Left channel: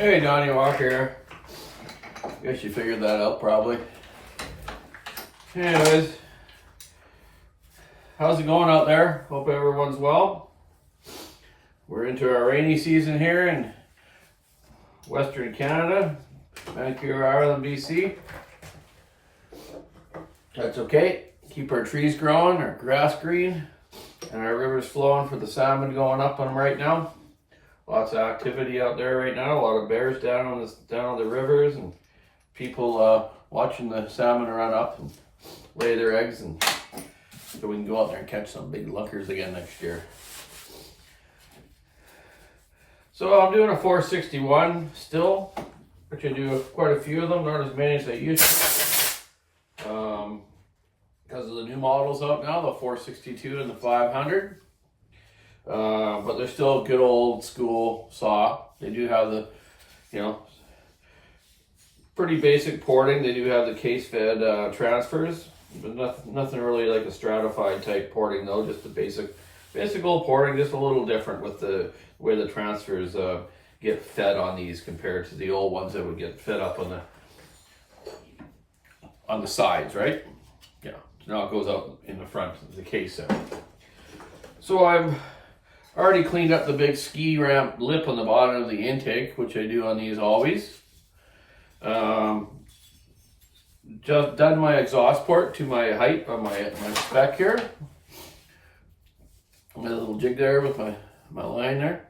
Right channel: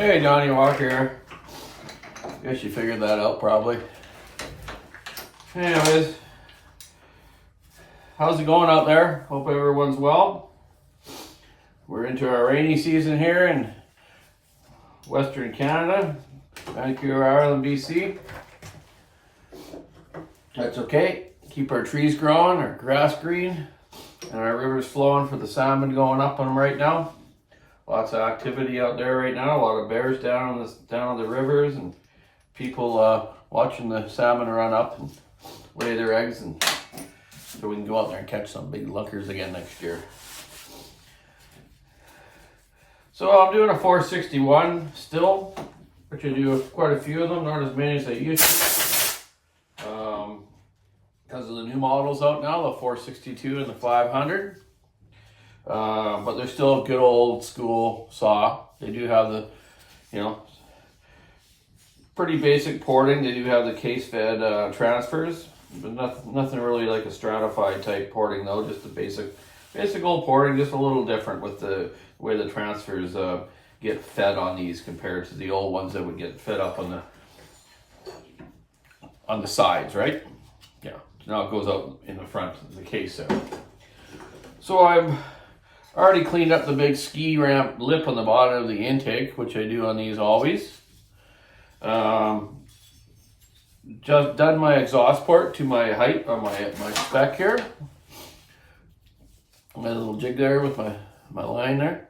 Hey, Donny Walker here. Guess you figured that out probably. Anyways, how's it going out there? Hope everyone's well. We're into our rainy season here in Western Canada, Vancouver Island, BC. That's okay. Keep our trees growing, our grass green, and our rivers flowing for the salmon going up on them right now. Lots of activity out there right now. A lot of bears down the rivers, and people watching the salmon run up and lay their eggs, and so we can go out there and catch some big lookers again next year. So I'm doing a 461 still, which I do quite a few of them, not as many as I used to. Because of the new models out now, the 462 and the 500. But they're still a good old school saw. They do have the, pretty basic porting. They do have the case fed transfers, but nothing really like a stratified type porting though. Just the basic old porting, just a little different with the way the transfers get fed on these compared to the old ones that would get fed up on the sides, right? Yeah. Now it goes out in the front of the case there. So I've already cleaned up the big ski ramp lip on the bottom of the intake, which I do on these always. Just done my exhaust port to my height on my spec here. My little jig there with my line there.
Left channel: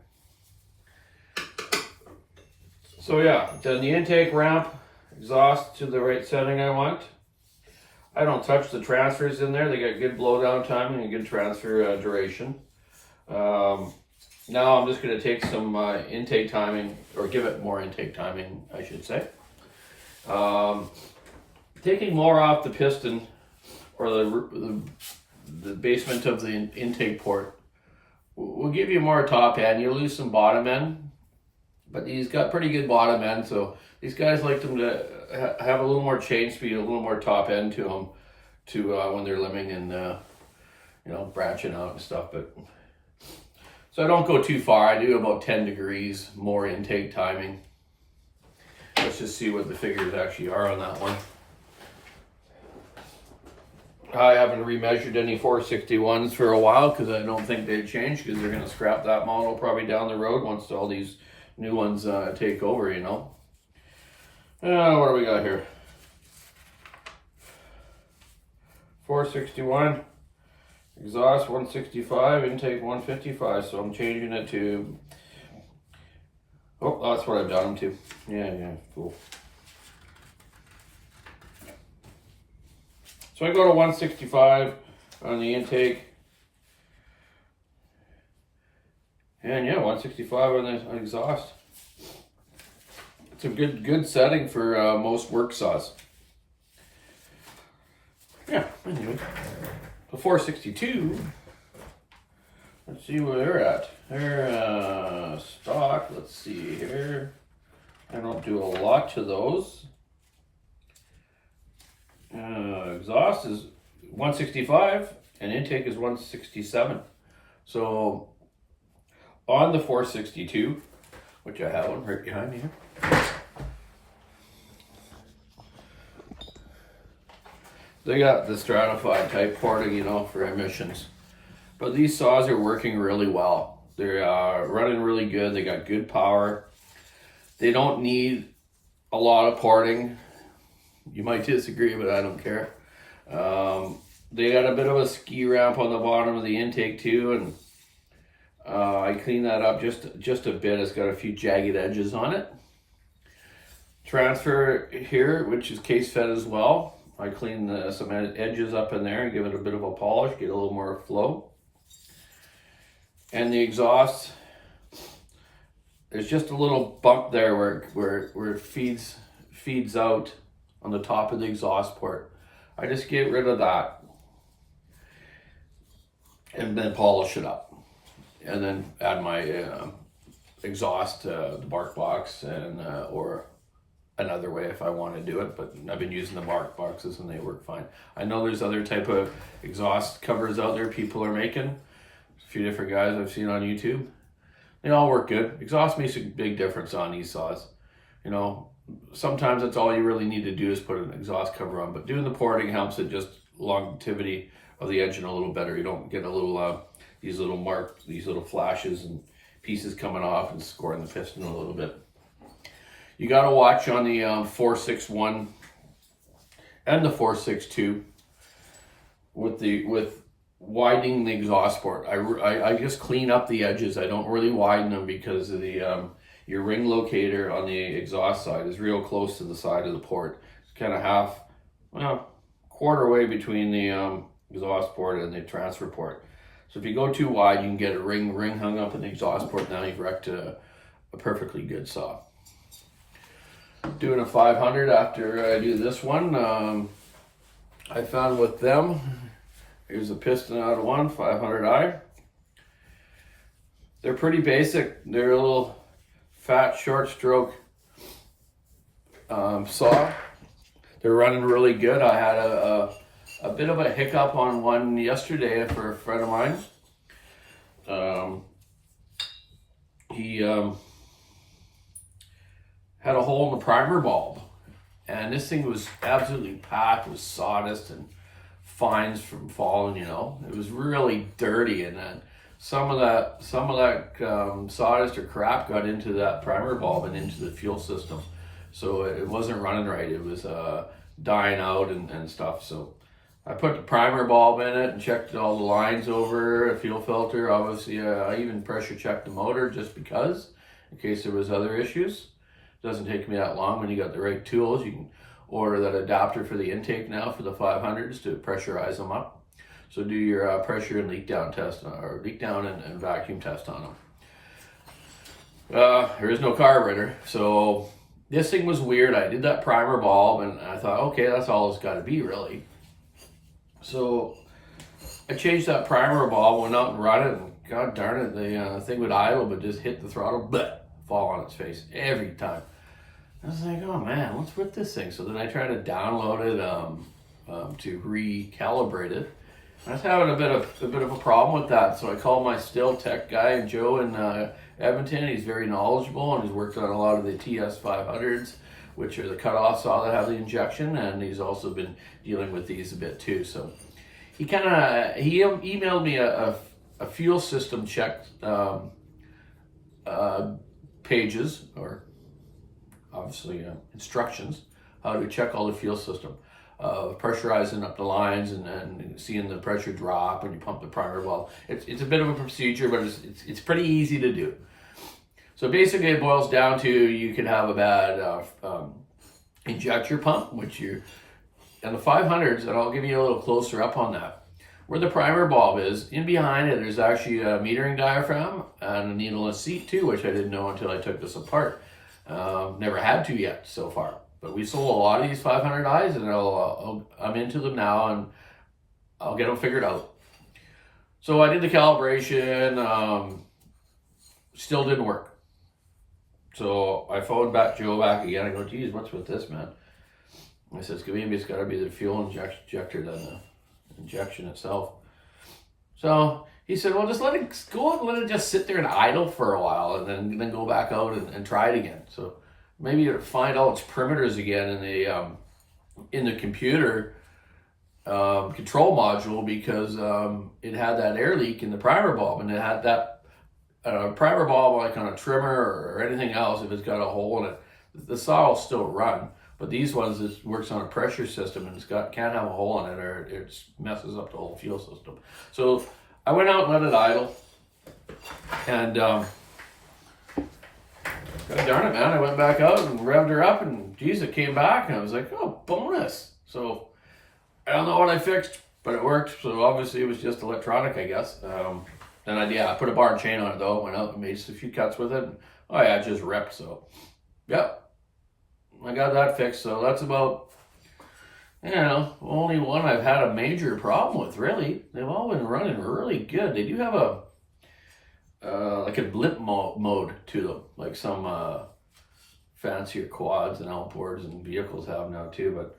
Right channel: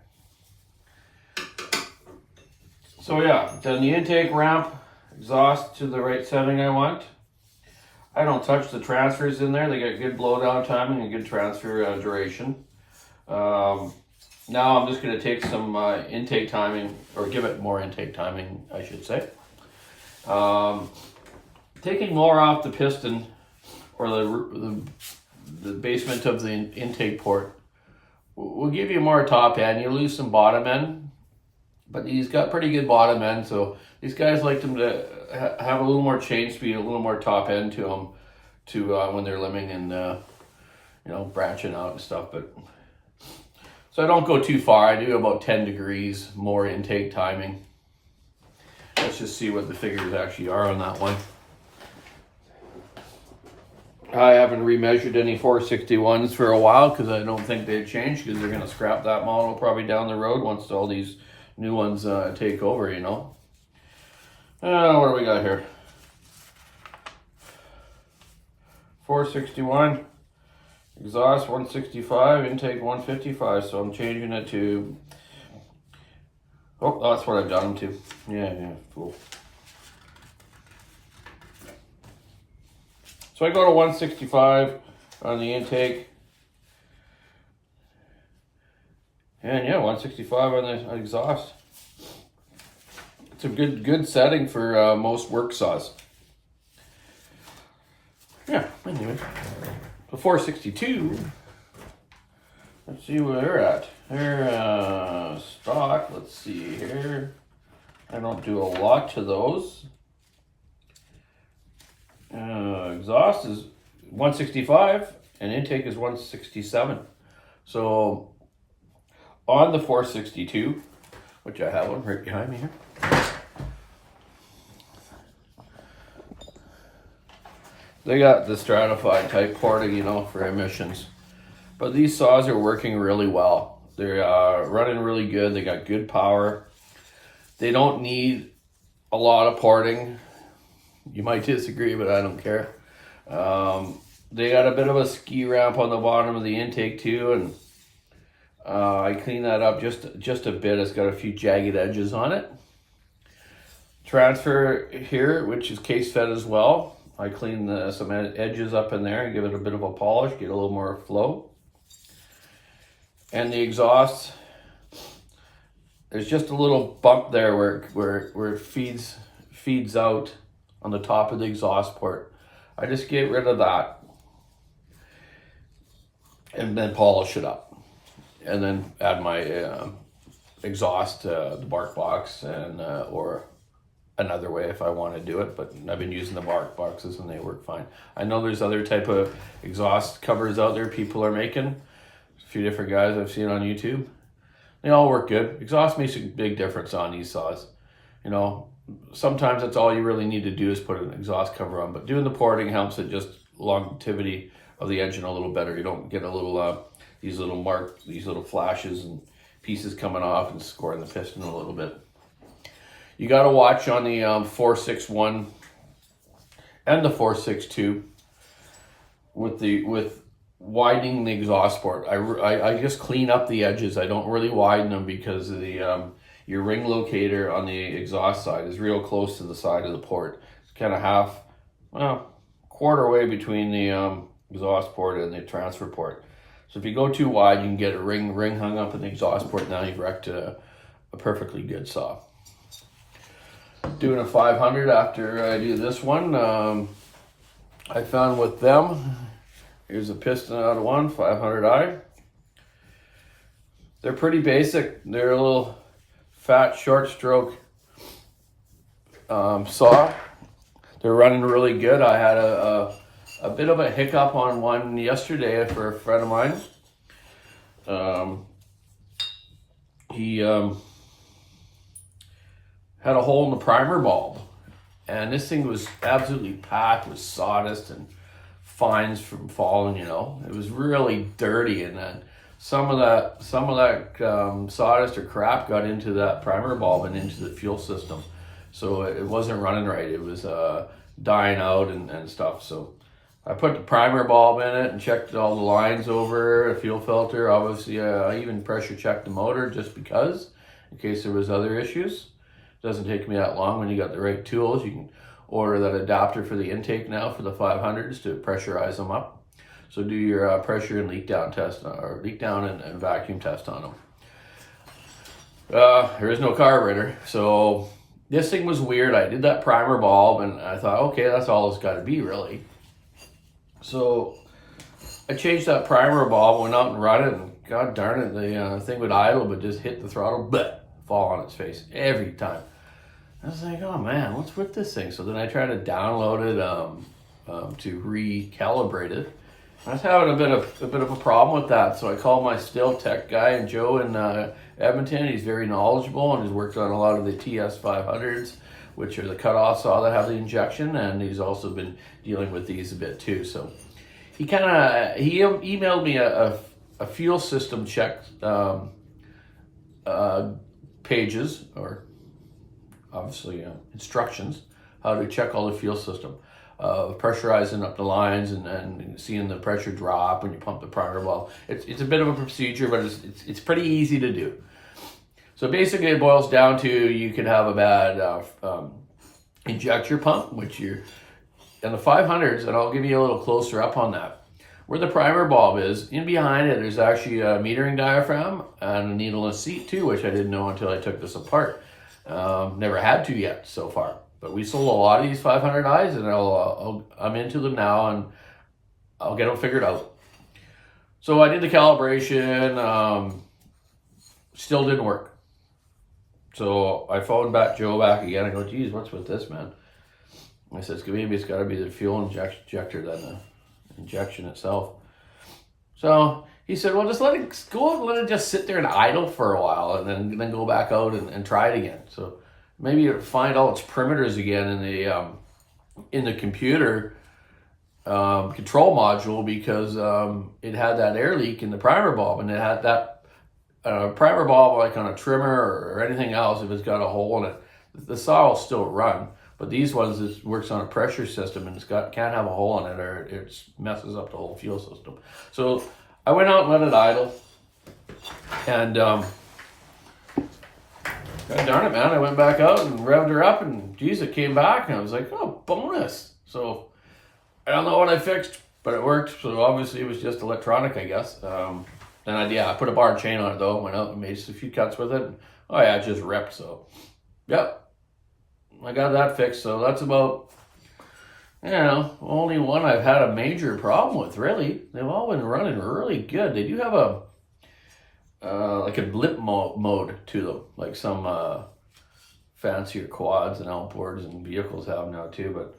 So yeah, then the intake ramp, exhaust to the right setting I want. I don't touch the transfers in there. They got good blowdown timing and good transfer duration. Now I'm just going to take some intake timing, or give it more intake timing, I should say. Taking more off the piston or the basement of the intake port will give you more top end. You lose some bottom end, but he's got pretty good bottom end. So these guys like them to have a little more change speed, a little more top end to them, when they're limbing and branching out and stuff. But so I don't go too far. I do about 10 degrees more intake timing. Let's just see what the figures actually are on that one. I haven't remeasured any 461s for a while because I don't think they've changed, because they're going to scrap that model probably down the road once all these new ones take over, What do we got here? 461. Exhaust 165, intake 155, so I'm changing it to, that's what I've got them to. Yeah, cool. So I go to 165 on the intake. And yeah, 165 on the exhaust. It's a good setting for most work saws. Yeah, anyway. The 462, let's see where they're at. They're stock, let's see here. I don't do a lot to those. Exhaust is 165 and intake is 167. So on the 462, which I have one right behind me here, they got the stratified type porting, for emissions. But these saws are working really well. They're running really good. They got good power. They don't need a lot of porting. You might disagree, but I don't care. They got a bit of a ski ramp on the bottom of the intake too, and I cleaned that up just a bit. It's got a few jagged edges on it. Transfer here, which is case fed as well. I clean some edges up in there and give it a bit of a polish, get a little more flow. And the exhaust, there's just a little bump there where it feeds out on the top of the exhaust port. I just get rid of that and then polish it up, and then add my exhaust, the bark box, and or another way if I want to do it, but I've been using the bark boxes and they work fine. I know there's other type of exhaust covers out there people are making. A few different guys I've seen on YouTube. They all work good. Exhaust makes a big difference on these saws. you know, sometimes that's all you really need to do is put an exhaust cover on. But doing the porting helps it just longevity of the engine a little better. You don't get a little these little flashes and pieces coming off and scoring the piston a little bit. You got to watch on the 461 and the 462 with widening the exhaust port. I just clean up the edges. I don't really widen them because of the your ring locator on the exhaust side is real close to the side of the port. It's kind of quarter way between the exhaust port and the transfer port. So if you go too wide, you can get a ring hung up in the exhaust port. Now you've wrecked a perfectly good saw. Doing a 500 after I do this one, I found with them, here's a piston out of one, 500i. They're pretty basic. They're a little fat, short stroke saw. They're running really good. I had a bit of a hiccup on one yesterday for a friend of mine. He had a hole in the primer bulb, and this thing was absolutely packed with sawdust and fines from falling. You know, it was really dirty, and then some of that sawdust or crap got into that primer bulb and into the fuel system, so it wasn't running right. It was dying out and stuff. So I put the primer bulb in it and checked all the lines over, a fuel filter. Obviously, I even pressure checked the motor just because, in case there was other issues. Doesn't take me that long when you got the right tools. You can order that adapter for the intake now for the 500s to pressurize them up. So do your pressure and leak down test, or leak down and vacuum test on them. There is no carburetor, so this thing was weird. I did that primer bulb and I thought, okay, that's all it's got to be really. So I changed that primer bulb, went out and run it, and god darn it, the thing would idle but just hit the throttle, but fall on its face every time. I was like, oh man, what's with this thing? So then I tried to download it to recalibrate it. I was having a bit of a problem with that, so I called my still tech guy, Joe in Edmonton. He's very knowledgeable and has worked on a lot of the TS 500s, which are the cutoff saw that have the injection, and he's also been dealing with these a bit too. So he emailed me a fuel system check pages, or obviously instructions, how to check all the fuel system, pressurizing up the lines and seeing the pressure drop when you pump the primer bulb. It's a bit of a procedure, but it's pretty easy to do. So basically it boils down to you can have a bad injector pump, which and the 500s, and I'll give you a little closer up on that. Where the primer bulb is, in behind it, there's actually a metering diaphragm and a needleless seat too, which I didn't know until I took this apart. Never had to yet so far, but we sold a lot of these 500i's, and I'm into them now, and I'll get them figured out. So I did the calibration, still didn't work. So I phoned Joe back again. I go, geez, what's with this, man? I said, maybe it's got to be the fuel injector than the injection itself. So he said, well, just let it just sit there and idle for a while, and then go back out and try it again. So maybe it'll find all its perimeters again in the computer control module, because it had that air leak in the primer bulb, and it had that primer bulb, like on a trimmer or anything else, if it's got a hole in it, the saw will still run. But these ones, it works on a pressure system, and can't have a hole in it, or it messes up the whole fuel system. So I went out and let it idle, and God darn it, man, I went back out and revved her up, and geez, it came back, and I was like, oh, bonus. So I don't know what I fixed, but it worked. So obviously it was just electronic, I guess. And I put a bar and chain on it though, went out and made a few cuts with it, and oh yeah, it just ripped. So yep, I got that fixed. So that's about, only one I've had a major problem with, really. They've all been running really good. They do have a like a blip mode to them, like some fancier quads and outboards and vehicles have now too. But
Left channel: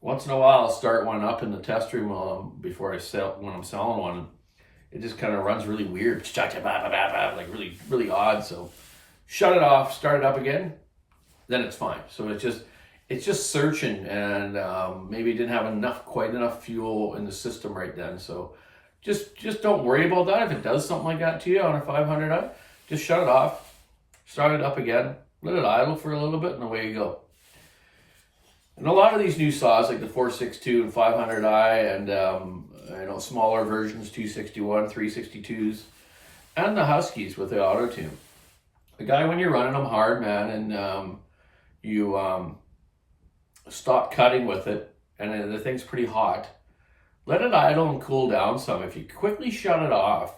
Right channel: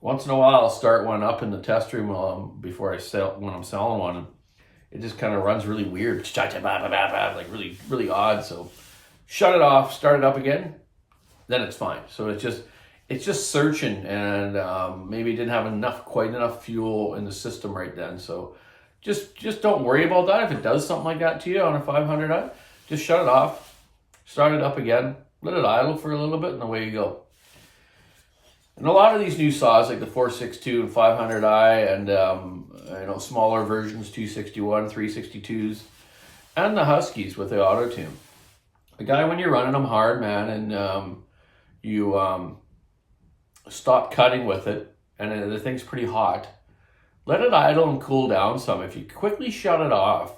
once in a while I'll start one up in the test room when I'm selling one. It just kind of runs really weird, like really, really odd. So shut it off, start it up again, then it's fine. So it's just searching, and maybe didn't have quite enough fuel in the system right then. So just don't worry about that. If it does something like that to you on a 500i, just shut it off, start it up again, let it idle for a little bit, and away you go. And a lot of these new saws, like the 462 and 500i, and smaller versions, 261, 362s, and the Huskies with the auto tune. The guy, when you're running them hard, man, and you stop cutting with it, and the thing's pretty hot, let it idle and cool down some. If you quickly shut it off,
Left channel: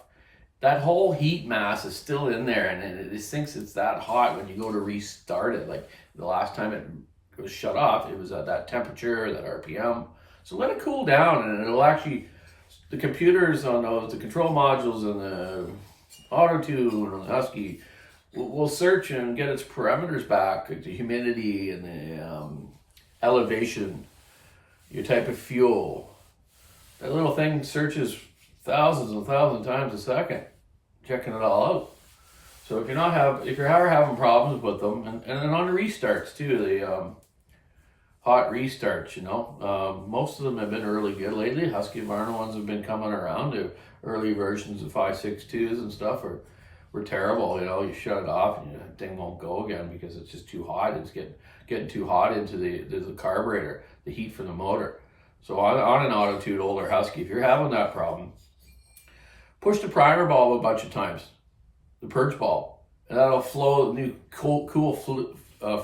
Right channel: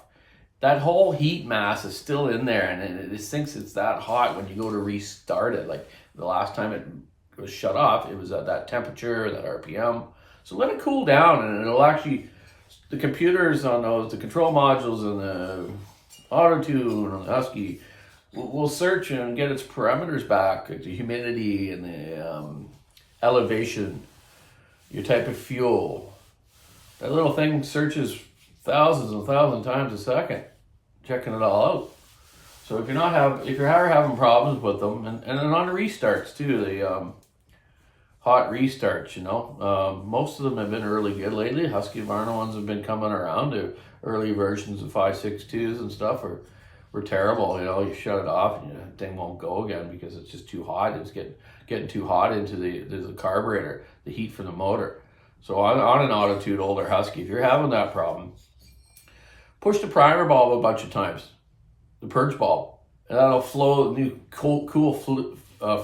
that whole heat mass is still in there, and it thinks it's that hot when you go to restart it. Like the last time it was shut off, it was at that temperature, that RPM. So let it cool down, and it'll actually, the computers on those, the control modules and the auto tune and the Husky will search and get its parameters back, like the humidity and the elevation, your type of fuel. That little thing searches thousands and thousands of times a second, checking it all out. So if you're having problems with them, and then on the restarts too, the hot restarts, most of them have been really good lately. Husky Varna ones have been coming around. The early versions of 562s and stuff were terrible. You shut it off and the thing won't go again because it's just too hot. It's getting too hot into the carburetor, the heat from the motor. So on an auto-tuned older Husky, if you're having that problem, push the primer bulb a bunch of times, the purge bulb, and that'll flow new cool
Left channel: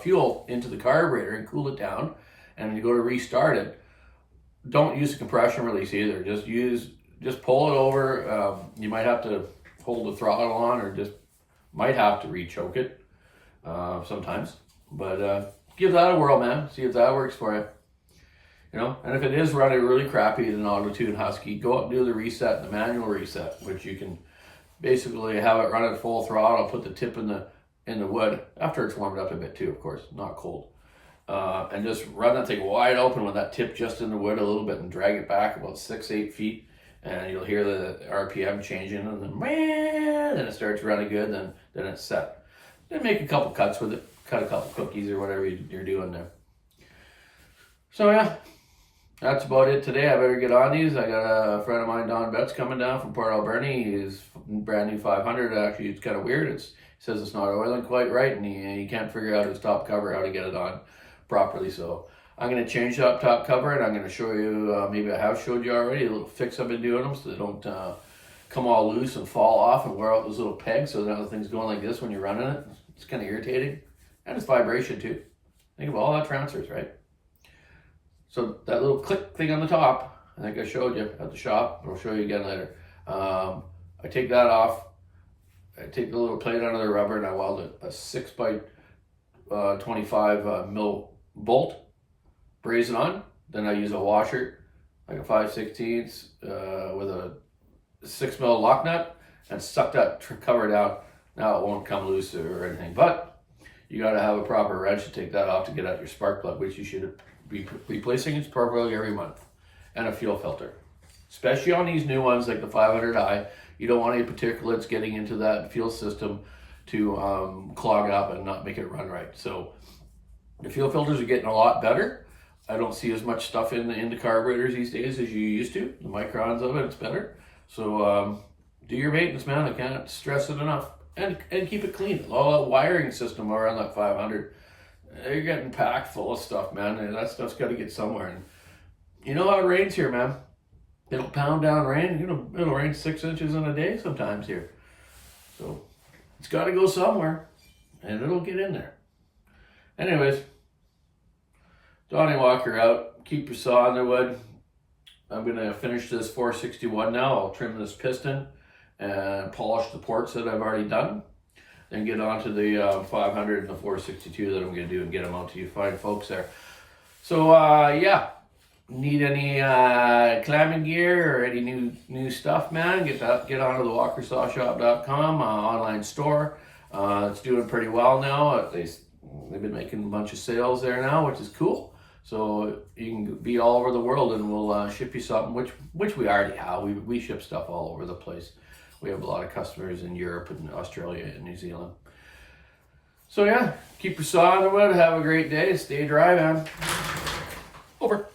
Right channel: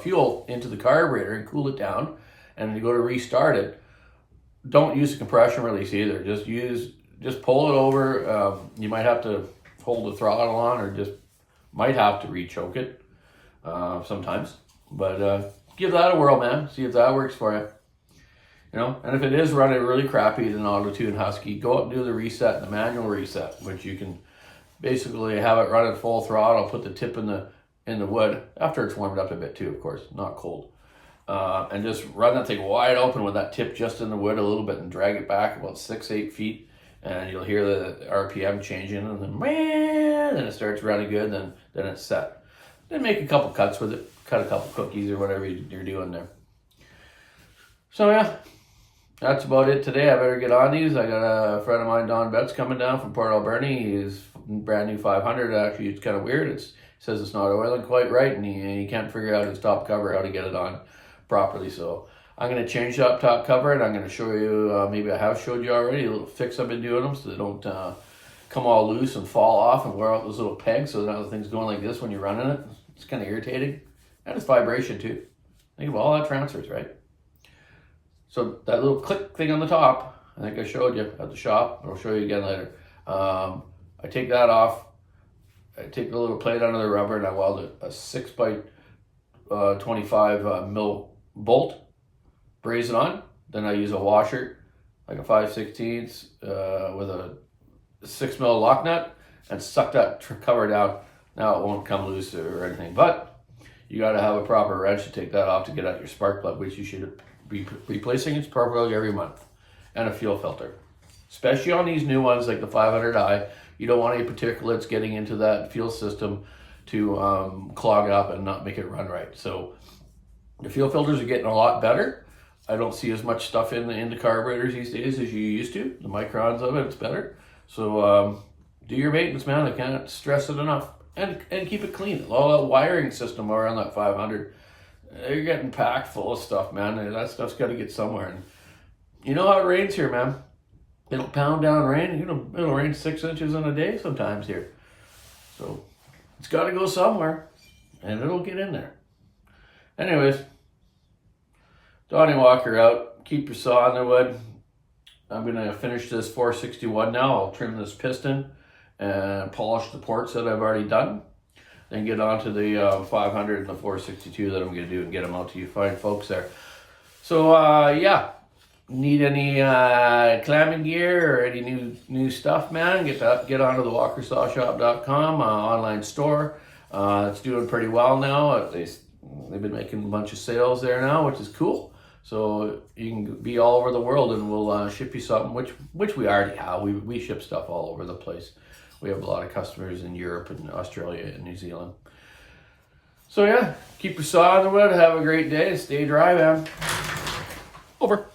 fuel into the carburetor and cool it down. And when you go to restart it, don't use a compression release either. Just pull it over. You might have to hold the throttle on, or just might have to re-choke it sometimes. But give that a whirl, man. See if that works for you. And if it is running really crappy in an auto-tune Husky, go up and do the reset, the manual reset, which you can basically have it run at full throttle, put the tip in the wood, after it's warmed up a bit too, of course, not cold. And just run that thing wide open with that tip just in the wood a little bit and drag it back about 6-8 feet, and you'll hear the RPM changing, and then it starts running good, then it's set. Then make a couple cuts with it, cut a couple cookies or whatever you're doing there. So yeah, that's about it today. I better get on these. I got a friend of mine, Don Betts, coming down from Port Alberni. He's brand new 500. Actually, it's kind of weird. He says it's not oiling quite right, and he can't figure out his top cover, how to get it on properly. So I'm going to change that top cover, and I'm going to show you, maybe I have showed you already, a little fix I've been doing them so they don't come all loose and fall off and wear out those little pegs. So now the thing's going like this when you're running it. It's kind of irritating. And it's vibration too. Think of all that transfers, right? So that little click thing on the top, I think I showed you at the shop. I'll show you again later. I take that off. I take the little plate out of the rubber, and I weld a 6 by 25 mil bolt, braze it on. Then I use a washer, like a 5/16 with a 6 mil lock nut, and suck that cover down. Now it won't come loose or anything, but you got to have a proper wrench to take that off to get out your spark plug, which you should be replacing its spark plug every month, and a fuel filter. Especially on these new ones like the 500i, you don't want any particulates getting into that fuel system to clog up and not make it run right. So the fuel filters are getting a lot better. I don't see as much stuff in the carburetors these days as you used to. The microns of it's better. So do your maintenance, man. I can't stress it enough. And keep it clean. All that wiring system around that 500, you're getting packed full of stuff, man. And that stuff's got to get somewhere. And you know how it rains here, man. It'll pound down rain. It'll rain 6 inches in a day sometimes here. So it's got to go somewhere, and it'll get in there. Anyways, Donny Walker out. Keep your saw in the wood. I'm going to finish this 461 now. I'll trim this piston and polish the ports that I've already done. Then get on to the 500 and the 462 that I'm going to do and get them out to you fine folks there. So, yeah. Need any clamming gear or any new stuff, man? Get onto the walkersawshop.com online store. It's doing pretty well now. They've been making a bunch of sales there now, which is cool. So you can be all over the world, and we'll ship you something, which we already have. We ship stuff all over the place. We have a lot of customers in Europe and Australia and New Zealand. So yeah, keep your saw in the wood. Have a great day. Stay dry, man. Over.